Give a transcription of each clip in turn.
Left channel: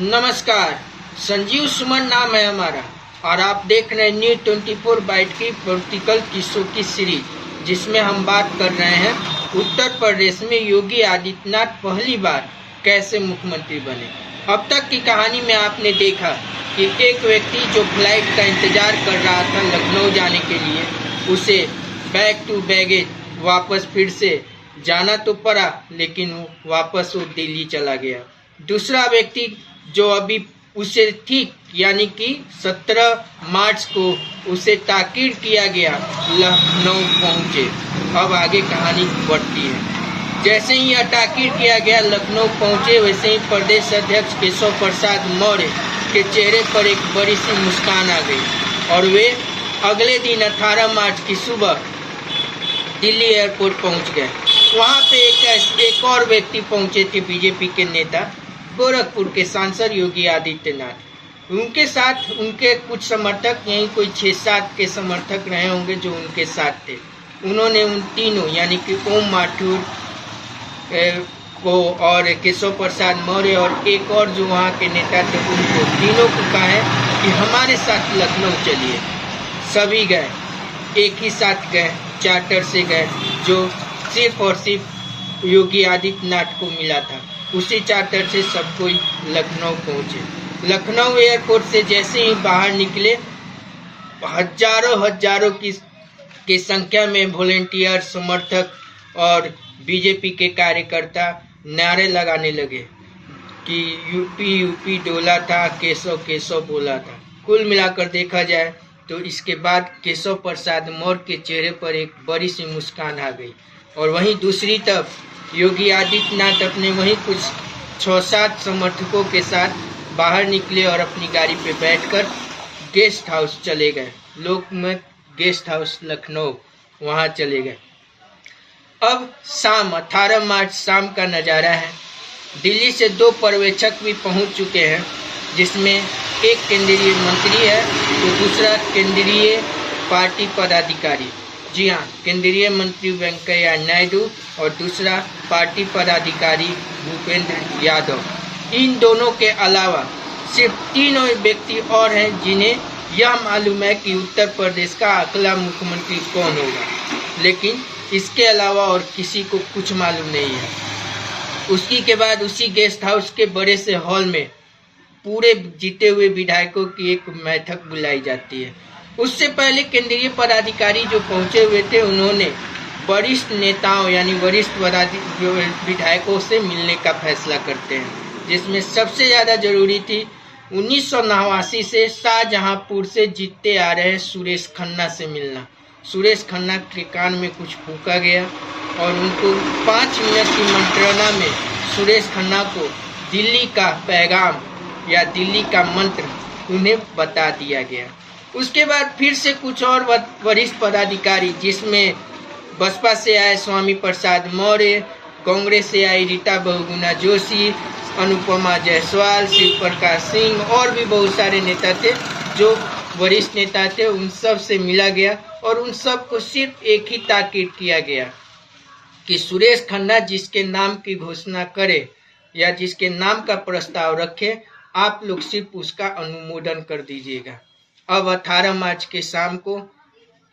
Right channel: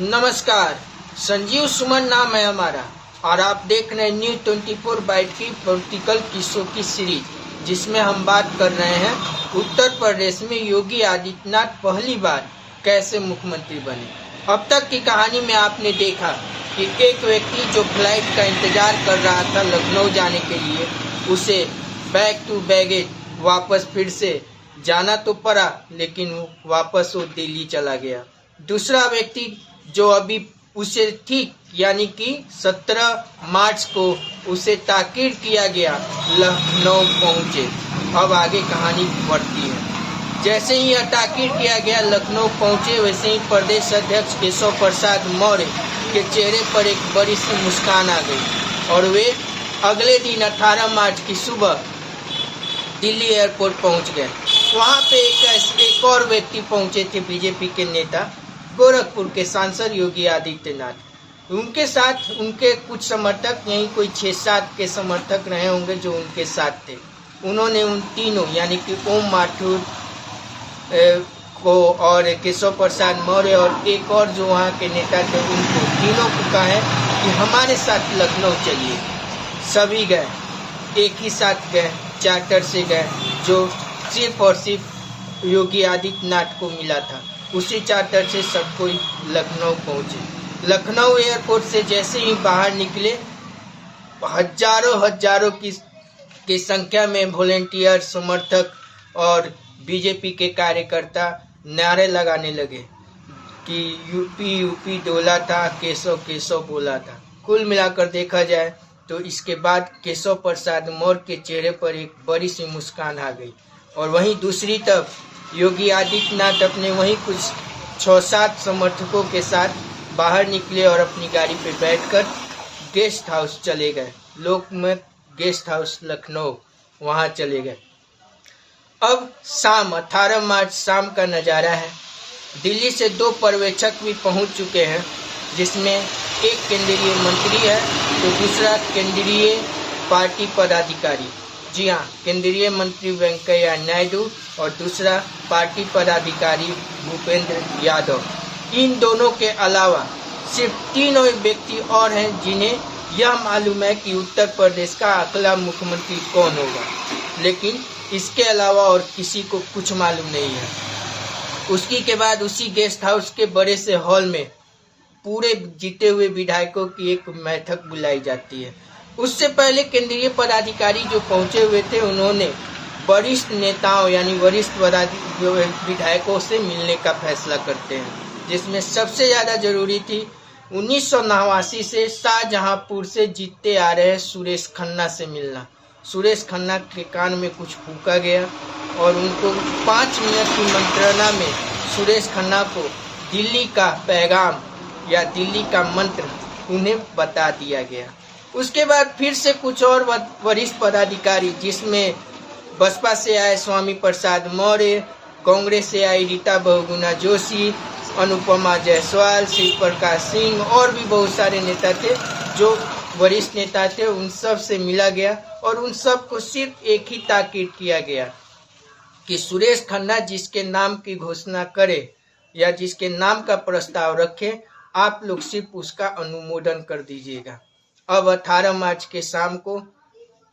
नमस्कार, संजीव सुमन नाम है हमारा और आप देख रहे हैं न्यूज 24 बाइट की पॉलिटिकल किस्सों की सीरीज, जिसमें हम बात कर रहे हैं उत्तर प्रदेश में योगी आदित्यनाथ पहली बार कैसे मुख्यमंत्री बने। अब तक की कहानी में आपने देखा कि एक व्यक्ति जो फ्लाइट का इंतजार कर रहा था लखनऊ जाने के लिए, उसे बैक टू बैगेज वापस फिर से जाना तो पड़ा, लेकिन वो वापस दिल्ली चला गया। दूसरा व्यक्ति जो अभी उसे ठीक यानी कि 17 मार्च को उसे ताकीद किया गया, लखनऊ पहुंचे। अब आगे कहानी बढ़ती है। जैसे ही यह ताकीद किया गया लखनऊ पहुंचे, वैसे ही प्रदेश अध्यक्ष केशव प्रसाद मौर्य के चेहरे पर एक बड़ी सी मुस्कान आ गई और वे अगले दिन 18 मार्च की सुबह दिल्ली एयरपोर्ट पहुंच गए। वहां पे एक और व्यक्ति पहुंचे थे, बीजेपी के नेता गोरखपुर के सांसद योगी आदित्यनाथ। उनके साथ उनके कुछ समर्थक, यही कोई 6-7 के समर्थक रहे होंगे जो उनके साथ थे। उन्होंने उन तीनों यानी कि ओम माथुर को और केशव प्रसाद मौर्य और एक और जो वहाँ के नेता थे, उनको तीनों को कहा है कि हमारे साथ लखनऊ चलिए। सभी गए, एक ही साथ गए, चार्टर से गए, जो सिर्फ और सिर्फ योगी आदित्यनाथ को मिला था। उसी चार्टर से सब कोई लखनऊ पहुंचे। लखनऊ एयरपोर्ट से जैसे ही बाहर निकले, हजारों की संख्या में वॉलेंटियर, समर्थक और बीजेपी के कार्यकर्ता नारे लगाने लगे कि यूपी डोला था, केशव बोला था। कुल मिलाकर देखा जाए तो इसके बाद केशव प्रसाद मौर्य के चेहरे पर एक बड़ी सी मुस्कान आ गई। और वहीं दूसरी तरफ योगी आदित्यनाथ अपने वहीं कुछ 6-7 समर्थकों के साथ बाहर निकले और अपनी गाड़ी पे बैठकर गेस्ट हाउस चले गए, लोकमत गेस्ट हाउस लखनऊ, वहां चले गए। अब शाम 18 मार्च शाम का नज़ारा है। दिल्ली से 2 पर्यवेक्षक भी पहुंच चुके हैं, जिसमें एक केंद्रीय मंत्री है तो दूसरा केंद्रीय पार्टी पदाधिकारी। जी हाँ, केंद्रीय मंत्री वेंकैया नायडू और दूसरा पार्टी पदाधिकारी भूपेंद्र यादव। इन दोनों के अलावा सिर्फ 3 व्यक्ति और हैं जिन्हें यह मालूम है कि उत्तर प्रदेश का अगला मुख्यमंत्री कौन होगा, लेकिन इसके अलावा और किसी को कुछ मालूम नहीं है। उसी के बाद उसी गेस्ट हाउस के बड़े से हॉल में पूरे जीते हुए विधायकों की एक बैठक बुलाई जाती है। उससे पहले केंद्रीय पदाधिकारी जो पहुंचे हुए थे, उन्होंने वरिष्ठ नेताओं यानी वरिष्ठ विधायकों से मिलने का फैसला करते हैं, जिसमें सबसे ज़्यादा जरूरी थी 1989 से शाहजहांपुर से जीतते आ रहे सुरेश खन्ना से मिलना। सुरेश खन्ना के कान में कुछ फूंका गया और उनको 5 मिनट की मंत्रणा में सुरेश खन्ना को दिल्ली का पैगाम या दिल्ली का मंत्र उन्हें बता दिया गया। उसके बाद फिर से कुछ और वरिष्ठ पदाधिकारी, जिसमें बसपा से आए स्वामी प्रसाद मौर्य, कांग्रेस से आई रीता बहुगुणा जोशी, अनुपमा जायसवाल, शिव प्रकाश सिंह और भी बहुत सारे नेता थे जो वरिष्ठ नेता थे। उन सब से मिला गया और उन सब को सिर्फ एक ही ताकीद किया गया कि सुरेश खन्ना जिसके नाम की घोषणा करे या जिसके नाम का प्रस्ताव रखे, आप लोग सिर्फ उसका अनुमोदन कर दीजिएगा। अब 18 मार्च के शाम को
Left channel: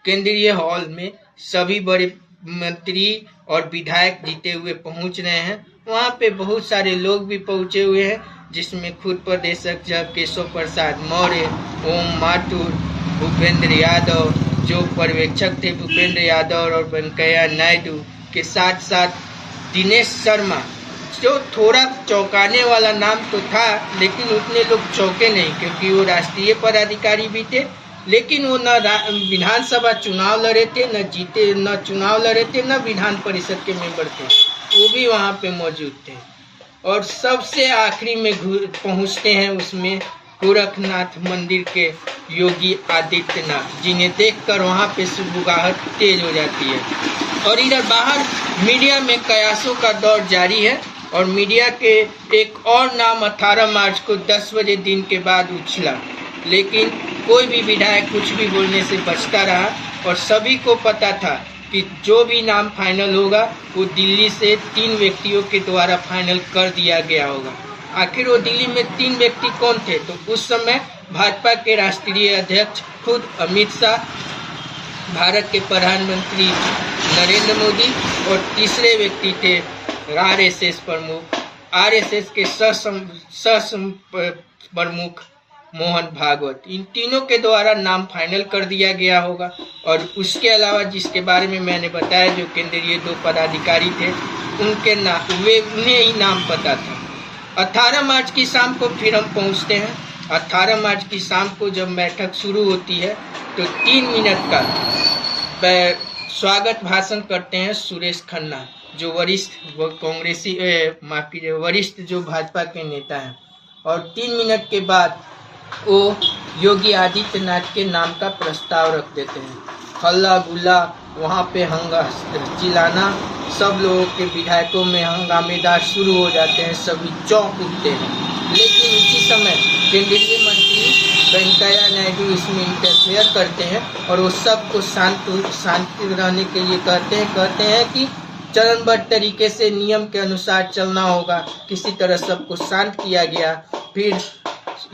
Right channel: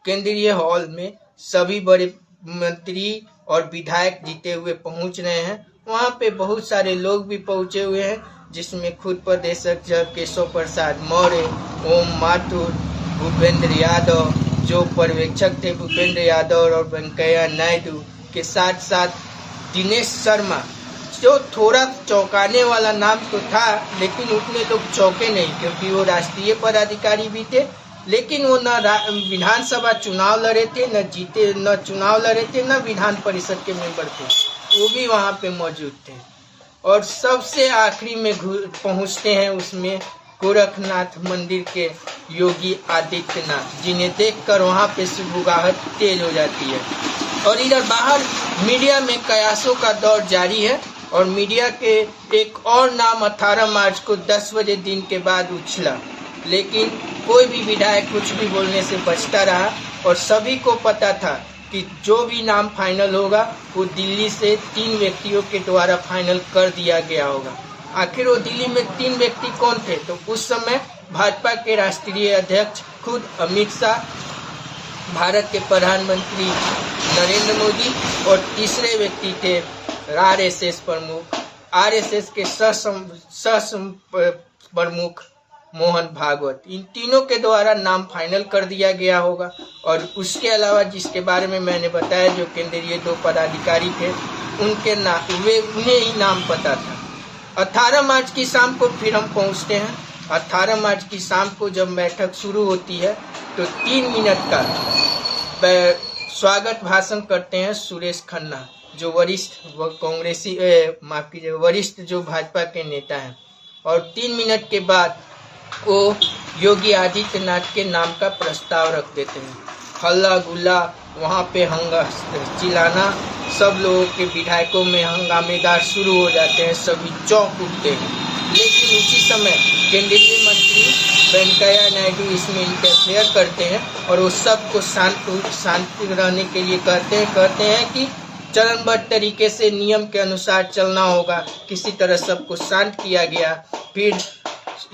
केंद्रीय हॉल में सभी बड़े मंत्री और विधायक जीते हुए पहुंच रहे हैं। वहां पे बहुत सारे लोग भी पहुंचे हुए हैं, जिसमें खुद प्रदेश अध्यक्ष केशव प्रसाद मौर्य, ओम माथुर, भूपेंद्र यादव, जो पर्यवेक्षक थे भूपेंद्र यादव और वेंकैया नायडू के साथ साथ दिनेश शर्मा, जो थोड़ा चौंकाने वाला नाम तो था, लेकिन उतने लोग चौंके नहीं क्योंकि वो राष्ट्रीय पदाधिकारी भी थे, लेकिन वो न विधानसभा चुनाव लड़े थे, न जीते, न चुनाव लड़े थे, न विधान परिषद के मेंबर थे। वो भी वहाँ पे मौजूद थे। और सबसे आखिरी में पहुँचते हैं उसमें गोरखनाथ मंदिर के योगी आदित्यनाथ, जिन्हें देखकर वहाँ पे सुबुगाहट तेज हो जाती है। और इधर बाहर मीडिया में कयासों का दौर जारी है और मीडिया के एक और नाम 18 मार्च को 10 बजे दिन के बाद उछला, लेकिन कोई भी विधायक कुछ भी बोलने से बचता रहा और सभी को पता था कि जो भी नाम फाइनल होगा वो दिल्ली से 3 व्यक्तियों के द्वारा फाइनल कर दिया गया होगा। आखिर वो दिल्ली में 3 व्यक्ति कौन थे? तो उस समय भाजपा के राष्ट्रीय अध्यक्ष खुद अमित शाह, भारत के प्रधानमंत्री नरेंद्र मोदी और तीसरे व्यक्ति थे आरएसएस प्रमुख, आरएसएस के प्रमुख मोहन भागवत। इन तीनों के द्वारा नाम फाइनल कर दिया गया होगा। और उसके अलावा जिसके बारे में मैंने बताया, जो केंद्रीय 2 पदाधिकारी थे, उन्हें ही नाम पता था। 18 मार्च की शाम को फिर हम पहुंचते हैं। 18 मार्च की शाम को जब बैठक शुरू होती है तो 3 मिनट का स्वागत भाषण करते हैं सुरेश खन्ना, जो वरिष्ठ जो भाजपा के नेता हैं। और 3 मिनट के बाद वो योगी आदित्यनाथ के नाम का प्रस्ताव रख देते हैं। हल्ला गुल्ला वहाँ पे चिल्लाना, सब लोगों के विधायकों में हंगामेदार शुरू हो जाते हैं, सभी चौंक उठते हैं। लेकिन उसी समय केंद्रीय मंत्री वेंकैया नायडू इसमें इंटरफेयर करते हैं और वो सबको शांत रहने के लिए कहते हैं कि चरणबद्ध तरीके से नियम के अनुसार चलना होगा। किसी तरह सबको शांत किया गया। फिर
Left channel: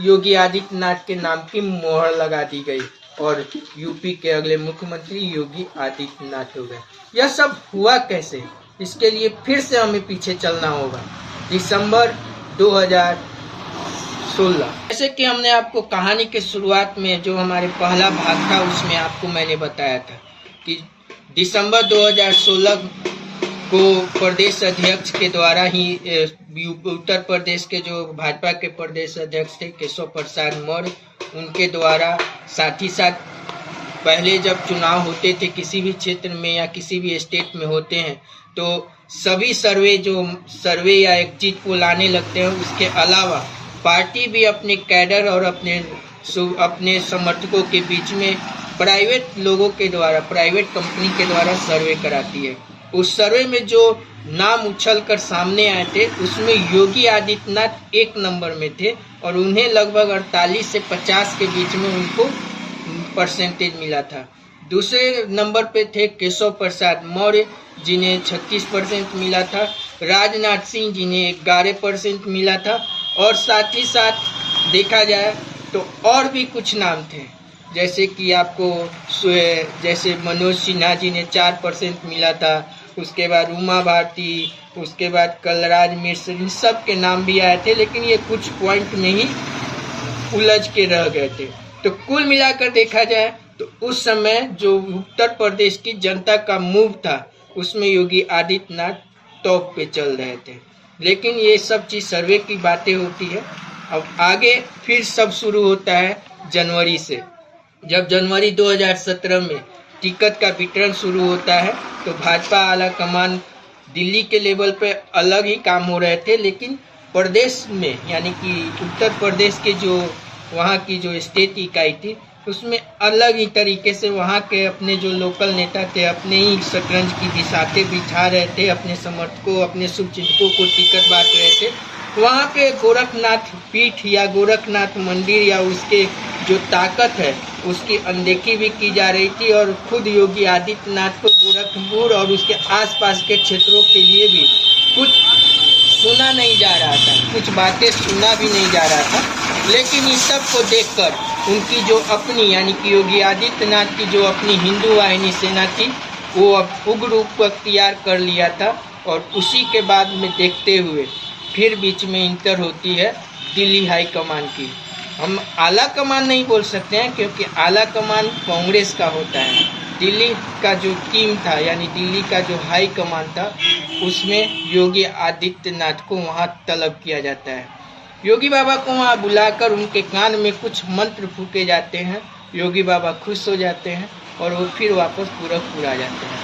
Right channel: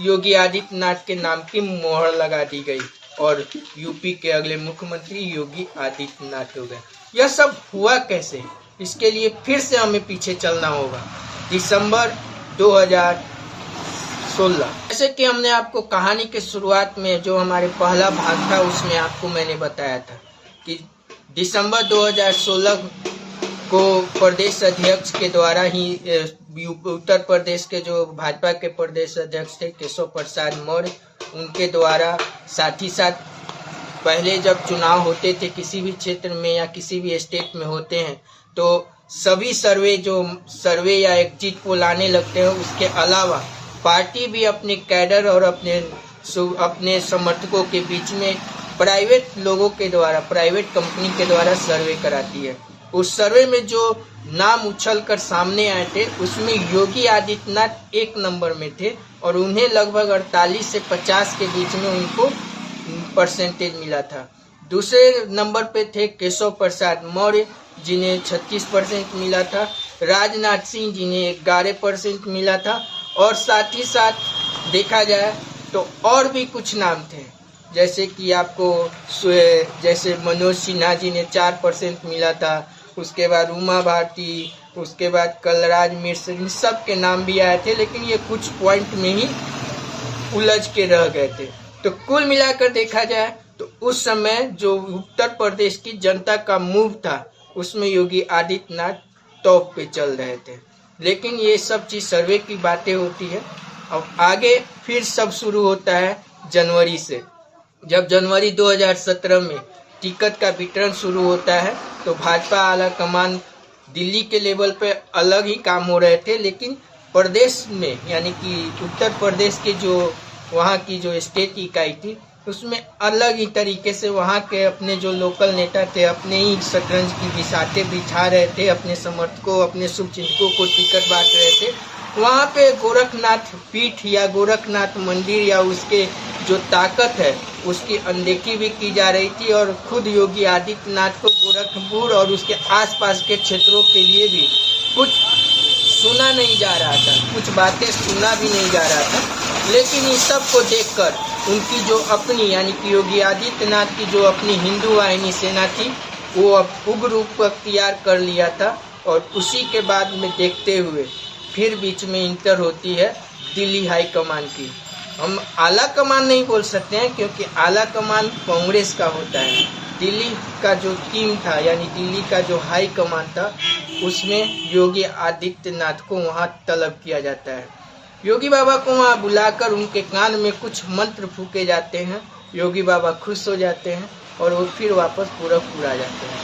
योगी आदित्यनाथ के नाम की मोहर लगा दी गई और यूपी के अगले मुख्यमंत्री योगी आदित्यनाथ हो गए। यह सब हुआ कैसे? इसके लिए फिर से हमें पीछे चलना होगा। दिसंबर 2016, जैसे कि हमने आपको कहानी के शुरुआत में जो हमारे पहला भाग था उसमें आपको मैंने बताया था कि दिसंबर 2016 को प्रदेश अध्यक्ष के द्वारा ही उत्तर प्रदेश के जो भाजपा के प्रदेश अध्यक्ष थे केशव प्रसाद मौर्य, उनके द्वारा साथ ही साथ पहले जब चुनाव होते थे किसी भी क्षेत्र में या किसी भी स्टेट में होते हैं तो सभी सर्वे या एग्जिट पोल आने लगते हैं। उसके अलावा पार्टी भी अपने कैडर और अपने समर्थकों के बीच में प्राइवेट कंपनी के द्वारा सर्वे कराती है। उस सर्वे में जो नाम उछलकर सामने आए थे उसमें योगी आदित्यनाथ 1 नंबर में थे और उन्हें लगभग 48 से 50 के बीच में उनको परसेंटेज मिला था। दूसरे नंबर पे थे केशव प्रसाद मौर्य जिन्हें 36% मिला था, राजनाथ सिंह जिन्हें 11% मिला था और साथ ही साथ देखा जाए तो और भी कुछ नाम थे जैसे कि आपको जैसे मनोज सिन्हा जी ने 4% मिला था, उसके बाद उमा भारती, उसके बाद कलराज मिश्र, इन सब के नाम भी आए थे लेकिन ये कुछ पॉइंट में ही उलझ के रह गए थे। तो कुल मिलाकर देखा जाए तो उस समय जो उत्तर प्रदेश की जनता का मूव था उसमें योगी आदित्यनाथ टॉप पे चल रहे थे। लेकिन ये सब चीज सर्वे की बातें होती है। अब आगे फिर सब शुरू होता है जनवरी से। जब जनवरी 2017 में टिकट का वितरण शुरू होता है तो भाजपा आला कमान दिल्ली के लेवल पे अलग ही काम हो रहे थे, लेकिन प्रदेश में यानी कि उत्तर प्रदेश के जो वहाँ की जो स्टेट इकाई थी उसमें अलग ही तरीके से वहाँ के अपने जो लोकल नेता थे अपने ही शतरंज की बिसाते बिछा रहे थे, अपने समर्थकों अपने शुभचिंतकों को टिकट बांट रहे थे। वहाँ पे गोरखनाथ पीठ या गोरखनाथ मंदिर या उसके जो ताकत है उसकी अनदेखी भी की जा रही थी और खुद योगी आदित्यनाथ को गोरखपुर और उसके आसपास के क्षेत्रों के लिए भी कुछ सुना नहीं जा रहा था, कुछ बातें सुना भी नहीं जा रहा था। लेकिन इस सब को देखकर उनकी जो अपनी यानी कि योगी आदित्यनाथ की जो अपनी हिंदू वाहिनी सेना थी वो अब उग्र रूप अख्तियार कर लिया था और उसी के बाद में देखते हुए फिर बीच में इंटर होती है दिल्ली हाई कमान की। हम आला कमान नहीं बोल सकते हैं क्योंकि आला कमान कांग्रेस का होता है। दिल्ली का जो टीम था यानी दिल्ली का जो हाई कमान था उसमें योगी आदित्यनाथ को वहाँ तलब किया जाता है। योगी बाबा को वहाँ बुलाकर उनके कान में कुछ मंत्र फूके जाते हैं। योगी बाबा खुश हो जाते हैं और वो फिर वापस पूरा आ जाते हैं।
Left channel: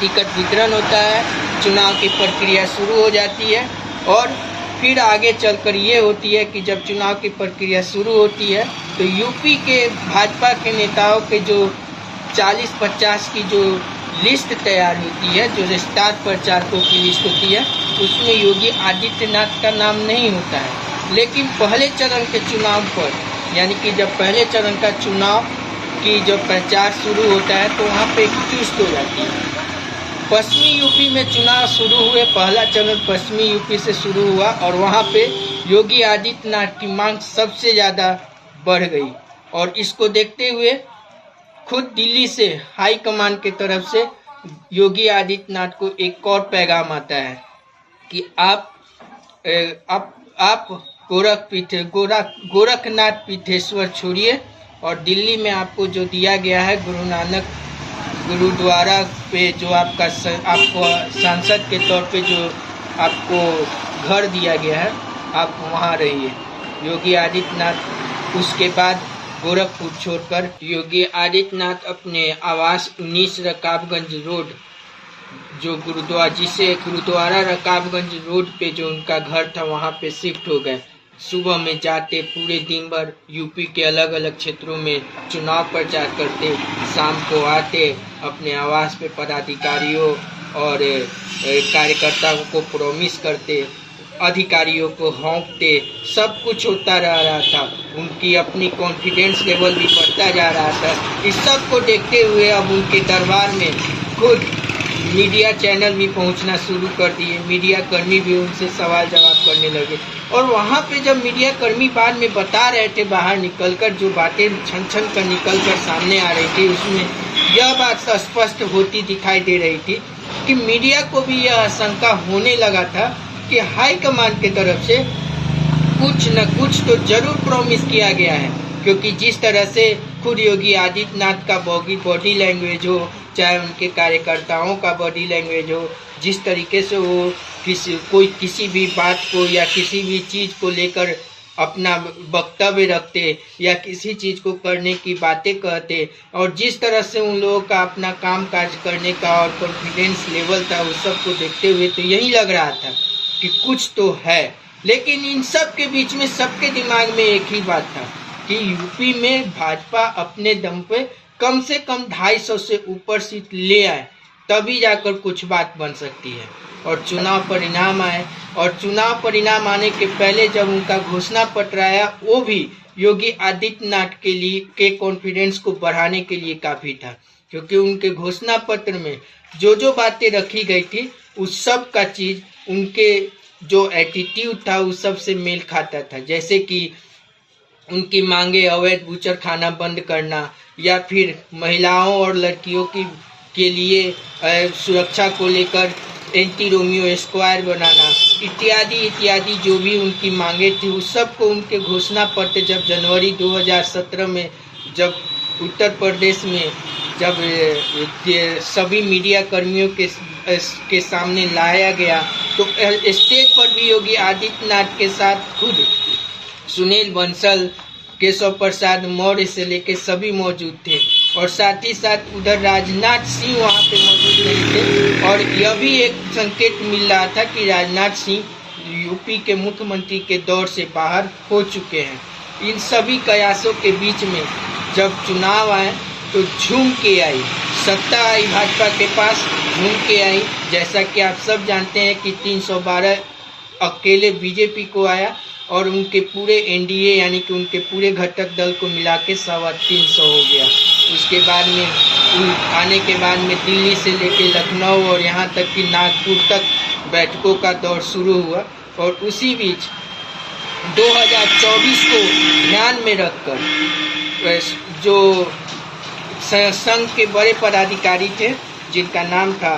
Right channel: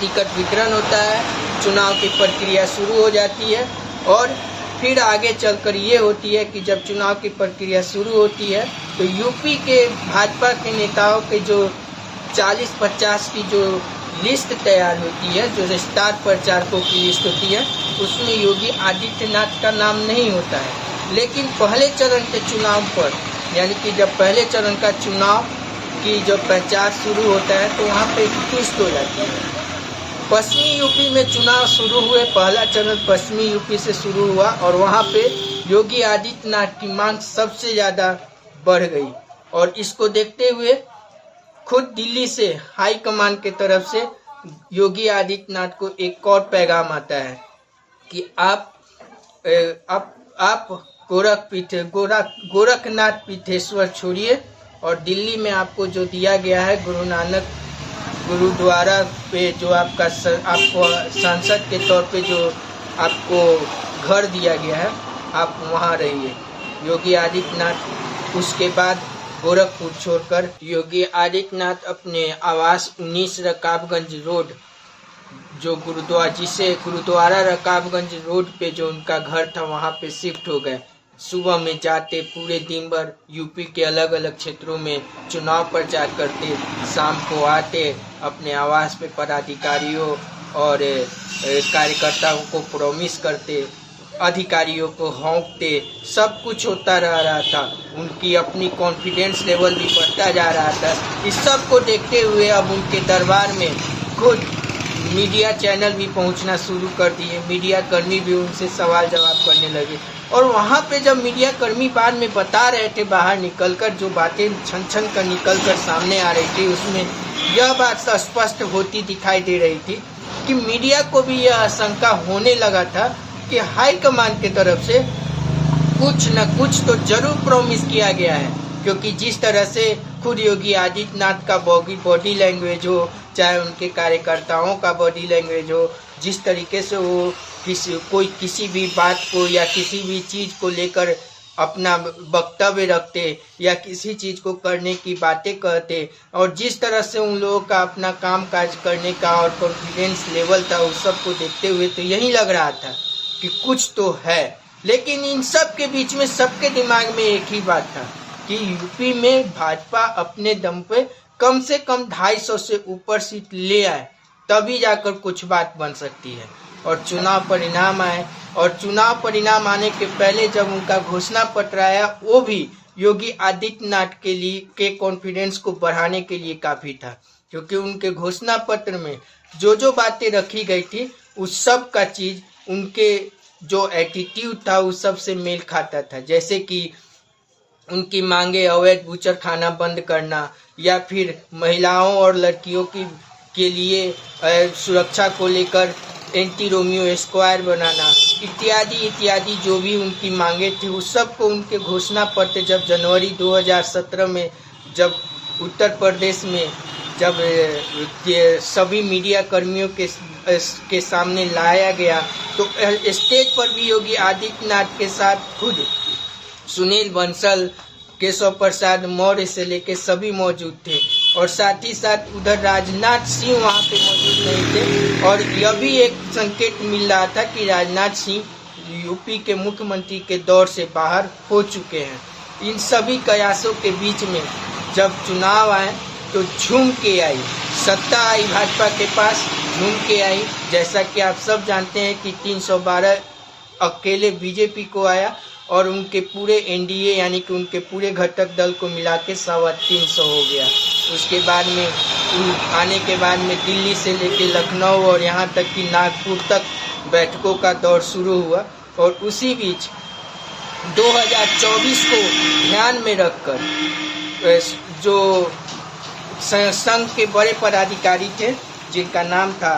टिकट वितरण होता है, चुनाव की प्रक्रिया शुरू हो जाती है और फिर आगे चलकर ये होती है कि जब चुनाव की प्रक्रिया शुरू होती है तो यूपी के भाजपा के नेताओं के जो 40-50 की जो लिस्ट तैयार होती है, जो स्टार प्रचारकों की लिस्ट होती है, उसमें योगी आदित्यनाथ का नाम नहीं होता है। लेकिन पहले चरण के चुनाव पर यानी कि जब पहले चरण का चुनाव की जब प्रचार शुरू होता है तो वहाँ पे एक ट्विस्ट हो जाती है। पश्चिमी यूपी में चुनाव शुरू हुए। पहला चरण पश्चिमी यूपी से शुरू हुआ और वहां पे योगी आदित्यनाथ की मांग सबसे ज़्यादा बढ़ गई और इसको देखते हुए खुद दिल्ली से हाई कमान के तरफ से योगी आदित्यनाथ को एक और पैगाम आता है कि आप गोरखनाथ पीठेश्वर छोड़िए और दिल्ली में आपको जो दिया गया है गुरु नानक गुरुद्वारा पे जो आपको सांसद के तौर पे जो आपको घर दिया गया है, आप वहाँ रहिए। योगी आदित्यनाथ उसके बाद गोरखपुर छोड़कर योगी आदित्यनाथ अपने आवास 19 रकाबगंज रोड जो गुरुद्वारा रकाबगंज रोड पे जो उनका घर था वहाँ पे शिफ्ट हो गए। सुबह में जाते, पूरे दिन भर यूपी के अलग अलग क्षेत्रों में चुनाव प्रचार करते, शाम को आते, अपने आवास पे पदाधिकारियों और कार्यकर्ताओं को प्रॉमिस करते, अधिकारियों को हाँकते, सब कुछ होता रहा था। उनकी अपनी कॉन्फिडेंस लेवल भी बढ़ता जा रहा था। इस सब को देखते हुए अब उनके दरबार में खुद मीडिया चैनल भी पहुंचना शुरू कर दिए। मीडिया कर्मी भी उनसे सवाल जवाब करने लगे और वहां पे जब मीडिया कर्मी बाद में बता रहे थे बाहर निकलकर, जो बातें छन छन कर निकलकर सामने आ रही थी, उसमें यह बात स्पष्ट होती दिखाई दे रही थी कि मीडिया को भी यह आशंका होने लगा था कि हाई कमान की तरफ से कुछ न कुछ तो जरूर प्रॉमिस किया गया है, क्योंकि जिस तरह से खुद योगी आदित्यनाथ का बॉडी लैंग्वेज हो, चाहे उनके कार्यकर्ताओं का बॉडी लैंग्वेज हो, जिस तरीके से वो किसी भी बात को या किसी भी चीज़ को लेकर अपना वक्तव्य रखते या किसी चीज़ को करने की बातें कहते, और जिस तरह से उन लोगों का अपना काम काज करने का और कॉन्फिडेंस लेवल था, उस सब को देखते हुए तो यही लग रहा था कि कुछ तो है। लेकिन इन सब के बीच में सबके दिमाग में एक ही बात था कि यूपी में भाजपा अपने दम पे कम से कम 250 से ऊपर सीट ले आए, तभी जाकर कुछ बात बन सकती है। और चुनाव परिणाम आए, और चुनाव परिणाम आने के पहले जब उनका घोषणा पत्र आया, वो भी योगी आदित्यनाथ के कॉन्फिडेंस को बढ़ाने के लिए काफ़ी था, क्योंकि उनके घोषणा पत्र में जो बातें रखी गई थी उस सब का चीज़ उनके जो एटीट्यूड था उस सब से मेल खाता था। जैसे कि उनकी मांगे अवैध बूचर खाना बंद करना, या फिर महिलाओं और लड़कियों के लिए सुरक्षा को लेकर एंटी रोमियो स्क्वायर बनाना, इत्यादि जो भी उनकी मांगे थी, उस सब को उनके घोषणा पत्र जब जनवरी 2017 में जब उत्तर प्रदेश में जब सभी मीडिया कर्मियों के सामने लाया गया, तो स्टेज पर भी योगी आदित्यनाथ के साथ खुद सुनील बंसल, केशव प्रसाद मौर्य से लेकर सभी मौजूद थे, और साथ ही साथ उधर राजनाथ सिंह वहां पे मौजूद नहीं थे। और यह भी एक संकेत मिल रहा था कि राजनाथ सिंह यूपी के मुख्यमंत्री के दौर से बाहर हो चुके हैं। इन सभी कयासों के बीच में जब चुनाव आए तो झूम के आई, सत्ता आई भाजपा के पास, झूम के आई। जैसा कि आप सब जानते हैं कि 312 अकेले बीजेपी को आया और उनके पूरे एनडीए यानी कि उनके पूरे घटक दल को मिला के 350 हो गया। उसके बाद में आने के बाद में दिल्ली से लेके लखनऊ और यहाँ तक कि नागपुर तक बैठकों का दौर शुरू हुआ। और उसी बीच 2024 को ध्यान में रखकर जो संघ के बड़े पदाधिकारी थे, जिनका नाम था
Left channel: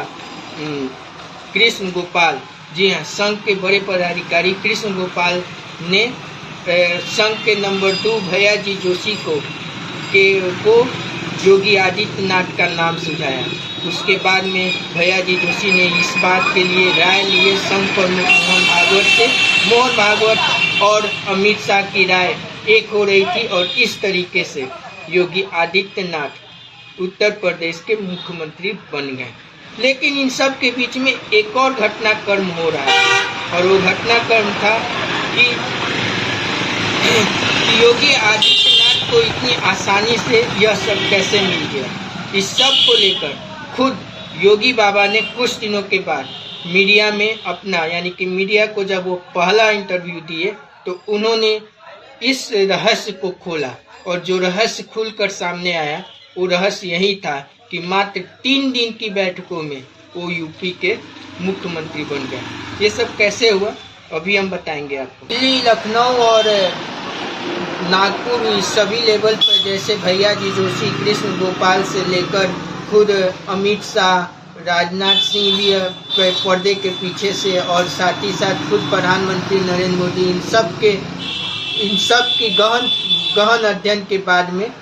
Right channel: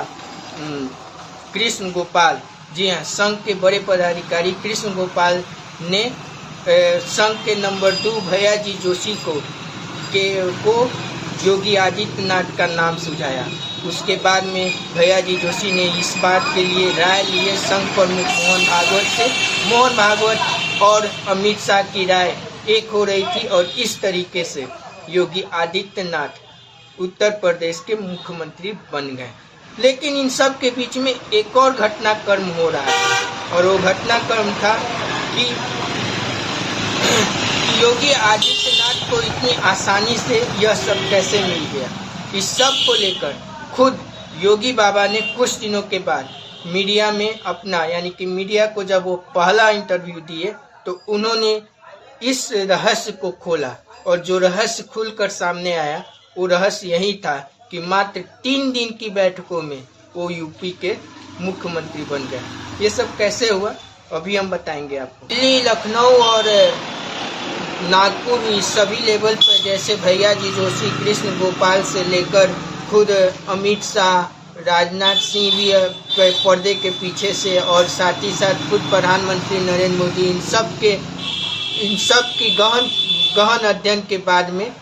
कृष्ण गोपाल, जी हाँ, संघ के बड़े पदाधिकारी कृष्ण गोपाल ने संघ के नंबर 2 भैया जी जोशी को योगी आदित्यनाथ का नाम सुझाया। उसके बाद में भैया जी जोशी ने इस बात के लिए राय लिए संघ प्रमुख मोहन भागवत से। मोहन भागवत और अमित शाह की राय एक हो रही थी और इस तरीके से योगी आदित्यनाथ उत्तर प्रदेश के मुख्यमंत्री बन गए। लेकिन इन सब के बीच में एक और घटनाक्रम हो रहा है, और वो घटनाक्रम था कि योगी आदित्यनाथ को इतनी आसानी से यह सब कैसे मिल गया। इस सब को लेकर खुद योगी बाबा ने कुछ दिनों के बाद मीडिया में अपना यानी कि मीडिया को जब वो पहला इंटरव्यू दिए तो उन्होंने इस रहस्य को खोला, और जो रहस्य खुलकर सामने आया वो रहस्य यही था कि मात्र 3 दिन की बैठकों में वो यूपी के मुख्यमंत्री बन गए। ये सब कैसे हुआ अभी हम बताएंगे आपको। दिल्ली, लखनऊ और नागपुर इस सभी लेवल पर जैसे भैया जी जोशी, कृष्ण गोपाल से लेकर खुद अमित शाह, राजनाथ सिंह भी पर्दे के पीछे से, और साथ ही साथ खुद प्रधानमंत्री नरेंद्र मोदी, इन सब की गहन अध्ययन के बाद में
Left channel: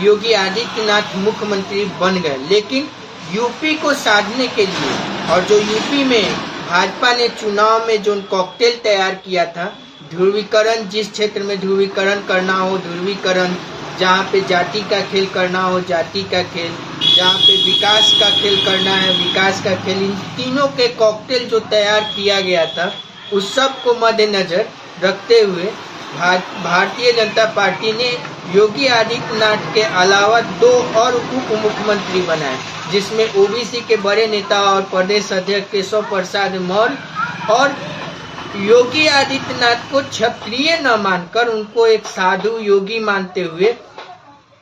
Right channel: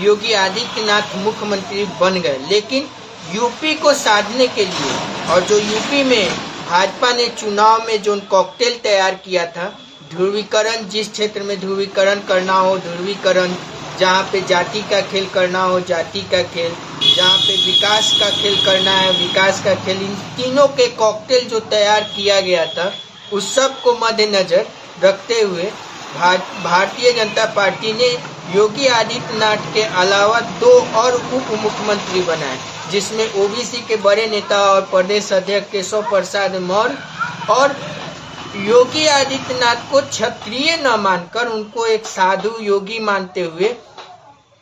योगी आदित्यनाथ मुख्यमंत्री बन गए। लेकिन यूपी को साधने के लिए, और जो यूपी में भाजपा ने चुनाव में जो कॉकटेल तैयार किया था, ध्रुवीकरण, जिस क्षेत्र में ध्रुवीकरण करना हो ध्रुवीकरण, जहाँ पे जाति का खेल करना हो जाति का खेल, जहाँ पे विकास का खेल करना है विकास का खेल, इन तीनों के कॉकटेल जो तैयार किया गया था उस सब को मद्देनजर रखते हुए भारतीय जनता पार्टी ने योगी आदित्यनाथ के अलावा 2 और उप मुख्यमंत्री बनाए, जिसमें ओबीसी के बड़े नेता और प्रदेश अध्यक्ष केशव प्रसाद मौर्य, और योगी आदित्यनाथ को क्षत्रिय न मानकर उनको एक साधु योगी मानते हुए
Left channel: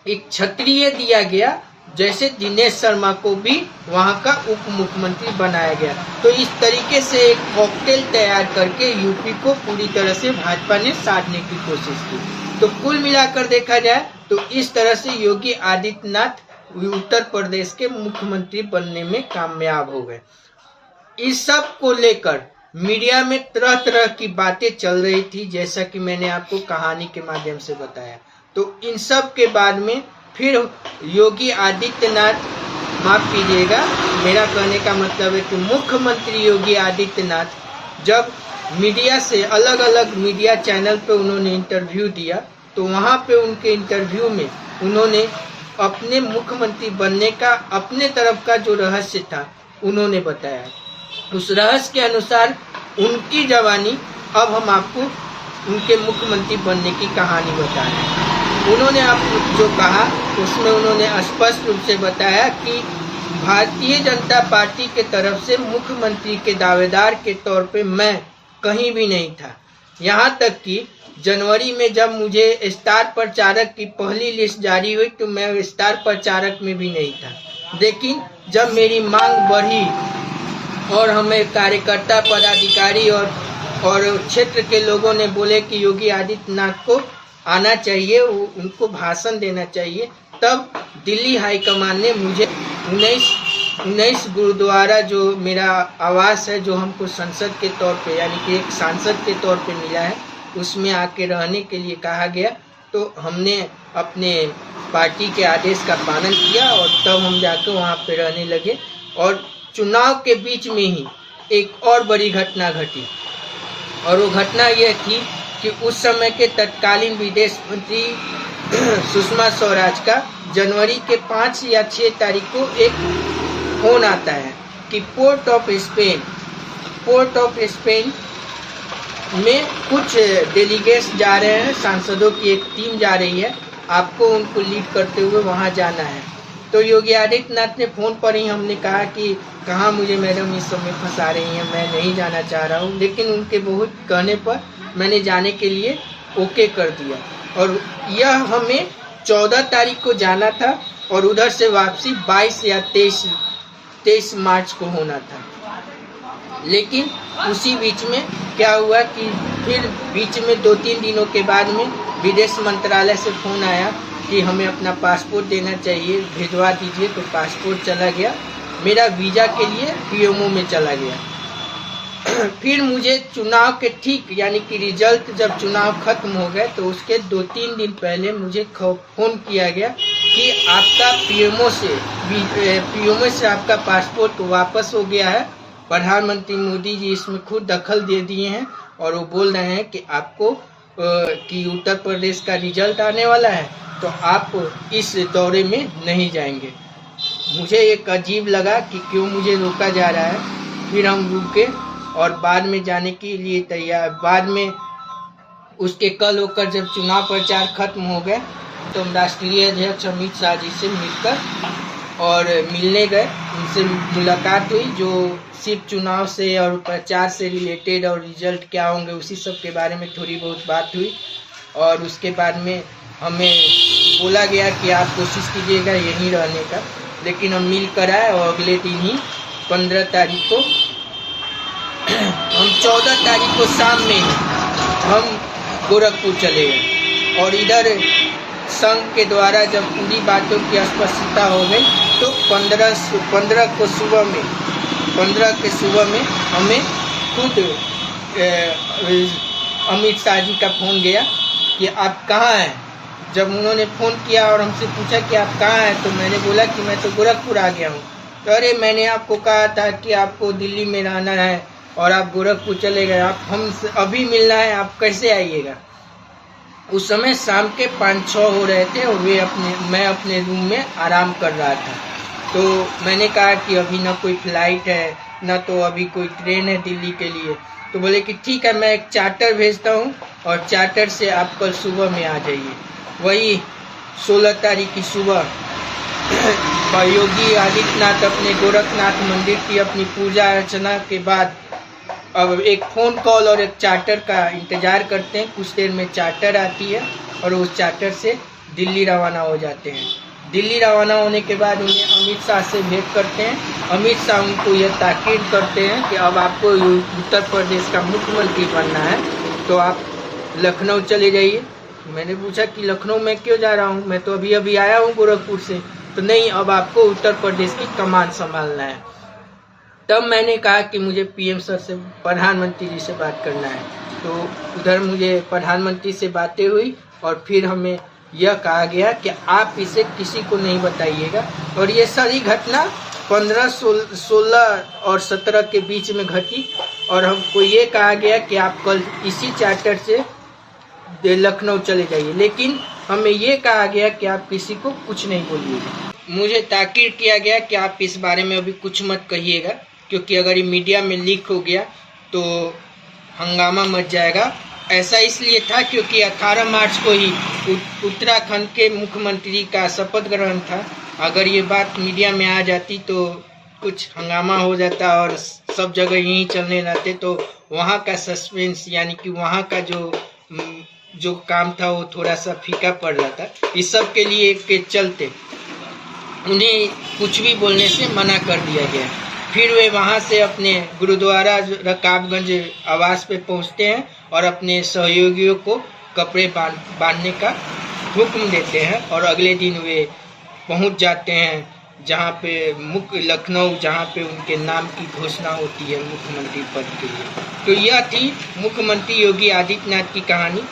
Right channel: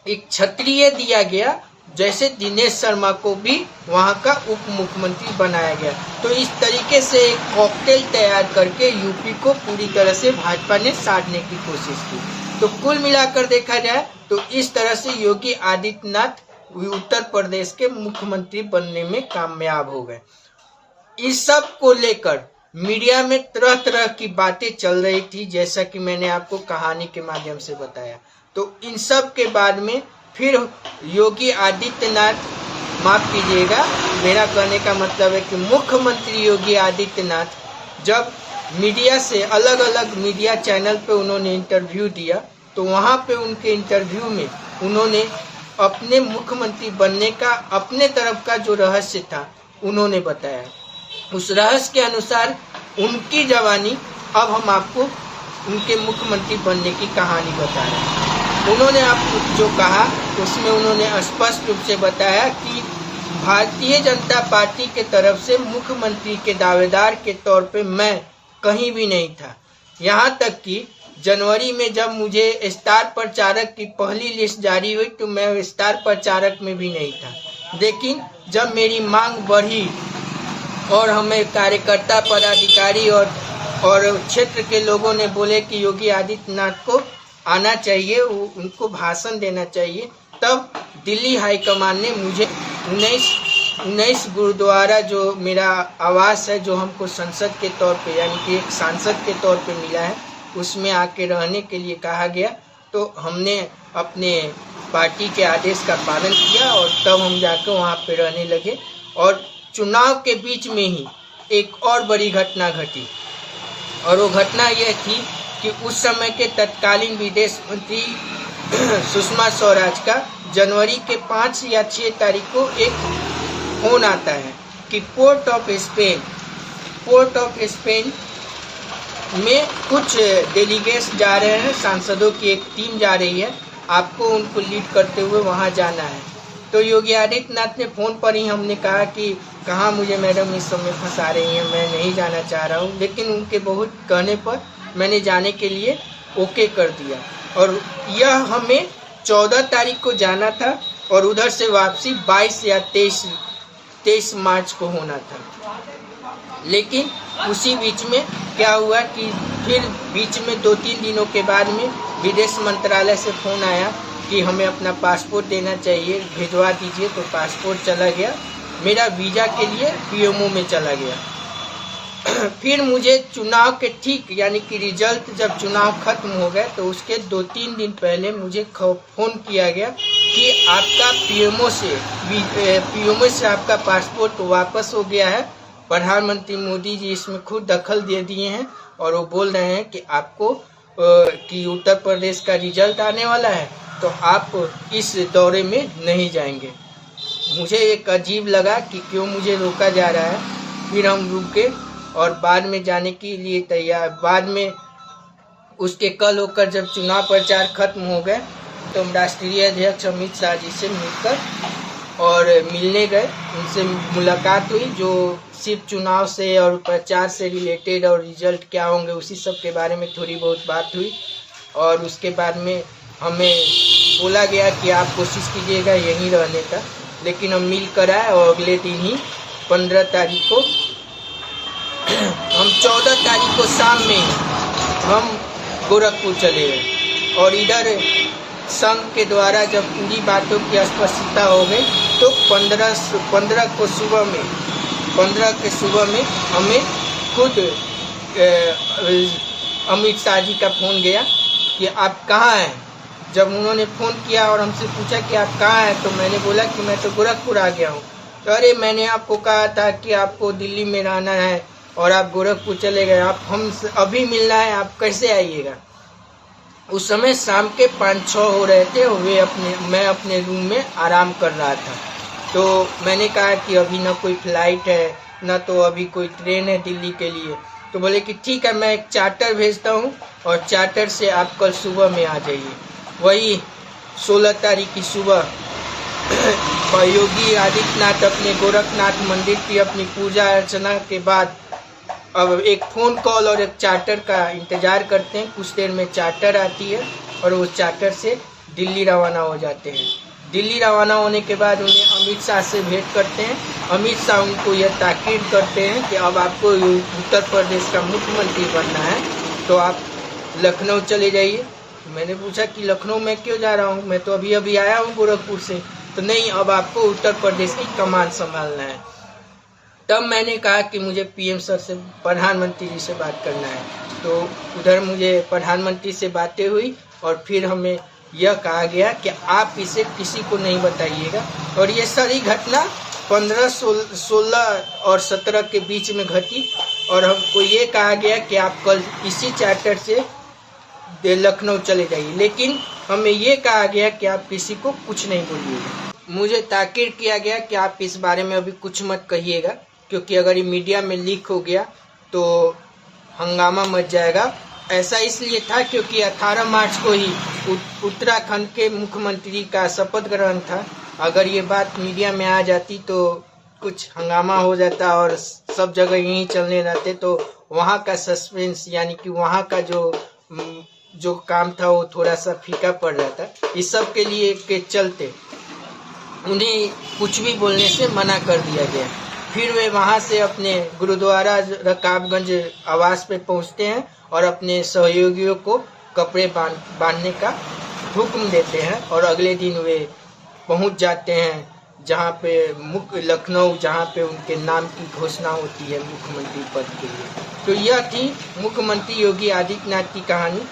एक क्षत्रिय दिया गया, जैसे दिनेश शर्मा को भी वहां का उप मुख्यमंत्री बनाया गया। तो इस तरीके से एक कॉकटेल तैयार करके यूपी को पूरी तरह से भाजपा ने साधने की कोशिश की। तो कुल मिलाकर देखा जाए तो इस तरह से योगी आदित्यनाथ उत्तर प्रदेश के मुख्यमंत्री बनने में कामयाब हो गए। इस सब को लेकर मीडिया में तरह तरह की बातें चल रही थी, जैसा कि मैंने आपको कहानी के माध्यम से बताया। तो इन सब के बाद में फिर योगी आदित्यनाथ, माफ कीजिएगा, मेरा कहने का मतलब है कि मुख्यमंत्री योगी आदित्यनाथ जब मीडिया से अलग अलग मीडिया चैनल पे उन्होंने इंटरव्यू दिया, तो वहाँ पे उनके इंटरव्यू में उन्होंने अपने मुख्यमंत्री बनने का अपने तरफ का जो रहस्य था उन्होंने बताया। उस रहस्य के अनुसार उनकी जवानी, अब हम आपको उनके मुख्यमंत्री बनने की कहानी बताएं। उन्होंने आपको जो कहा उसमें उन्होंने स्पष्ट रूप से बताया कि भारतीय जनता पार्टी के तरफ से मुख्यमंत्री के दावेदार के तौर पे मैं कहीं भी नहीं था। यहाँ तक कि जनवरी में जब मुझे स्टार प्रचारक की पहली लिस्ट जारी हुई तो मैं स्टार प्रचारक में भी नहीं था। लेकिन जब मेरी मांग बढ़ी और हमें कार्यकर्ता, पदाधिकारी और क्षेत्र के लोगों ने बोले कि योगी आदित्यनाथ को आना चाहिए, उनको भाषण देना चाहिए, तब दिल्ली हाईकमान ने मुझे 19 गुरुद्वारा जो मेरा आवास है, जो हमको संसद के तौर पे यानी कि एक सांसद के तौर पे मिला है, उसमें आके रहने के लिए कहा गया। तो हमने अपने पार्टी के आदेश का पालन किया और तब हम जाकर वहाँ पे रहने लगे। और चुनाव के बीच में ही एक और बड़ी घटना घटी, और वो घटना यह थी कि उस समय के तत्कालीन विदेश मंत्री सुषमा स्वराज का जनवरी के 5 या 6 तारीख को एक फोन आता है कि पोर्ट ऑफ स्पेन में कुछ डेलीगेट्स जा रहे हैं, सांसदों की एक टीम जा रही है, आपको उनको लीड करते हुए वहां जाना है। तो योगी आदित्यनाथ ने फोन पर ही हमने कहा कि कहाँ मुझे मैडम इस समय फंसा रही हैं, मैं नहीं जाना चाह रहा हूँ। लेकिन उनके बहुत कहने पर मैंने जाने के लिए ओके कर दिया, और यह हमें 14 तारीख को जाना था और उधर से वापसी 22 या 23 मार्च को होना था। लेकिन उसी बीच में क्या हुआ कि फिर बीच में 2-3 दिनों के बाद में विदेश मंत्रालय से फोन आया कि हमें अपना पासपोर्ट देना चाहिए, भिजवा दीजिए। तो पासपोर्ट चला गया, मेरा वीज़ा के लिए पीएमओ में चला गया। फिर मुझे चुनाव के ठीक यानी कि रिजल्ट जब चुनाव खत्म हो गए तो उसके 2-3 दिन पहले मुझे फोन किया गया कि आपका पीएमओ से आपका पासपोर्ट वापस हो गया है। प्रधानमंत्री मोदी जी इसमें खुद दखल दे दिए हैं और वो बोल रहे हैं कि आपको कि उत्तर प्रदेश का रिजल्ट आने वाला है, तो आप इस दौरे में नहीं जाएंगे। मुझे एक अजीब लगा कि क्यों मुझे रोका जा रहा है। फिर हम रुके और बाद में जाने के लिए तैयार। बाद में उसके कल होकर जब चुनाव प्रचार खत्म हो गए तो हम राष्ट्रीय अध्यक्ष अमित शाह जी से मिलकर और मिलने गए, उनसे मुलाकात हुई, जो सिर्फ चुनाव से और प्रचार से रिलेटेड और रिजल्ट क्या होंगे उसी सब के बारे में थोड़ी बहुत बात हुई। और उसके बाद में हमें बोला गया कि आप कोशिश कीजिएगा यहीं रहने का, लेकिन हम मिल कर आए और अगले दिन ही 15 तारीख को, हम 14 तारीख को शाम में हम गोरखपुर चले गए और इधर संघ के द्वारा जब पूरी बातों की स्पष्टता हो गई तो 15 के सुबह में हमें खुद अमित शाह जी का फ़ोन गया कि आप कहाँ हैं। जब उन्होंने फ़ोन किया और हमसे पूछा कि आप कहाँ हैं, तो मैंने बोला कि मैं तो गोरखपुर आ गया हूँ। तो अरे मैंने आपको कहा था कि आपको दिल्ली में रहना है और आप गोरखपुर चले गए, आप हमसे अभी मिलना है, आप कैसे आइएगा। उस समय शाम के 5-6 हो रहे थे और मैं अपने रूम में आराम कर रहा था। तो मैंने कहा कि अभी ना कोई फ्लाइट है ना तो अभी कोई ट्रेन है दिल्ली के लिए। तो बोले कि ठीक है, मैं एक चार्टर भेजता हूँ और चार्टर से आप कल सुबह में आ जाइए। वही 16 तारीख की सुबह योगी आदित्यनाथ अपने गोरखनाथ मंदिर की अपनी पूजा अर्चना के बाद अब एक फ़ोन कॉल और एक चार्टर का इंतज़ार करते हैं। कुछ देर में चार्टर आती है और उस चार्टर से दिल्ली रवाना हो जाते हैं। दिल्ली रवाना होने के बाद उन्हें अमित शाह से भेंट करते हैं। अमित शाह उनको यह ताकीद करते हैं कि अब आपको उत्तर प्रदेश का मुख्यमंत्री बनना है तो आप लखनऊ चले जाइए। मैंने पूछा कि लखनऊ में क्यों जा रहा हूँ, मैं तो अभी आया हूँ गोरखपुर से। तो नहीं, अब आपको उत्तर प्रदेश की कमान संभालना है। तब मैंने कहा कि मुझे पीएम सर से, प्रधानमंत्री जी से बात करना है। तो उधर मुझे प्रधानमंत्री से बातें हुई और फिर हमें यह कहा गया कि आप इसे किसी को नहीं बताइएगा। और ये सारी घटना 15, 16 और 17 के बीच में घटी और हमको ये कहा गया कि आप कल इसी चार्टर से लखनऊ चले जाइए, लेकिन हमें ये कहा गया कि आप किसी को कुछ नहीं बोलिएगा। मुझे ताकीद किया गया कि आप इस बारे में अभी कुछ मत कहिएगा, क्योंकि अगर ये मीडिया में लीक हो गया तो हंगामा मच जाएगा। ऐसा इसलिए था क्योंकि 18 मार्च को ही उत्तराखंड के मुख्यमंत्री का शपथ ग्रहण था। अगर ये बात मीडिया में आ जाती तो कुछ हंगामा हो जाता और सब जगह यही चलने रहते, तो वहाँ का सस्पेंस यानी कि वहाँ का जो काम था वो थोड़ा सा फीका पड़ जाता। इस सब के लिए के चलते उन्हें कुछ भी बोलने से मना कर दिया गया। फिर वे वहाँ से अपने गुरुद्वारा रकाबगंज आवास पे पहुँचते हैं और अपने सहयोगियों को कपड़े बांधने का हुक्म देते हैं और अगले दिन वे पहुँच जाते हैं जहाँ पे लखनऊ, जहाँ पे उनके नाम की घोषणा होती है मुख्यमंत्री पद के लिए। तो यह थी मुख्यमंत्री योगी आदित्यनाथ की कहानी।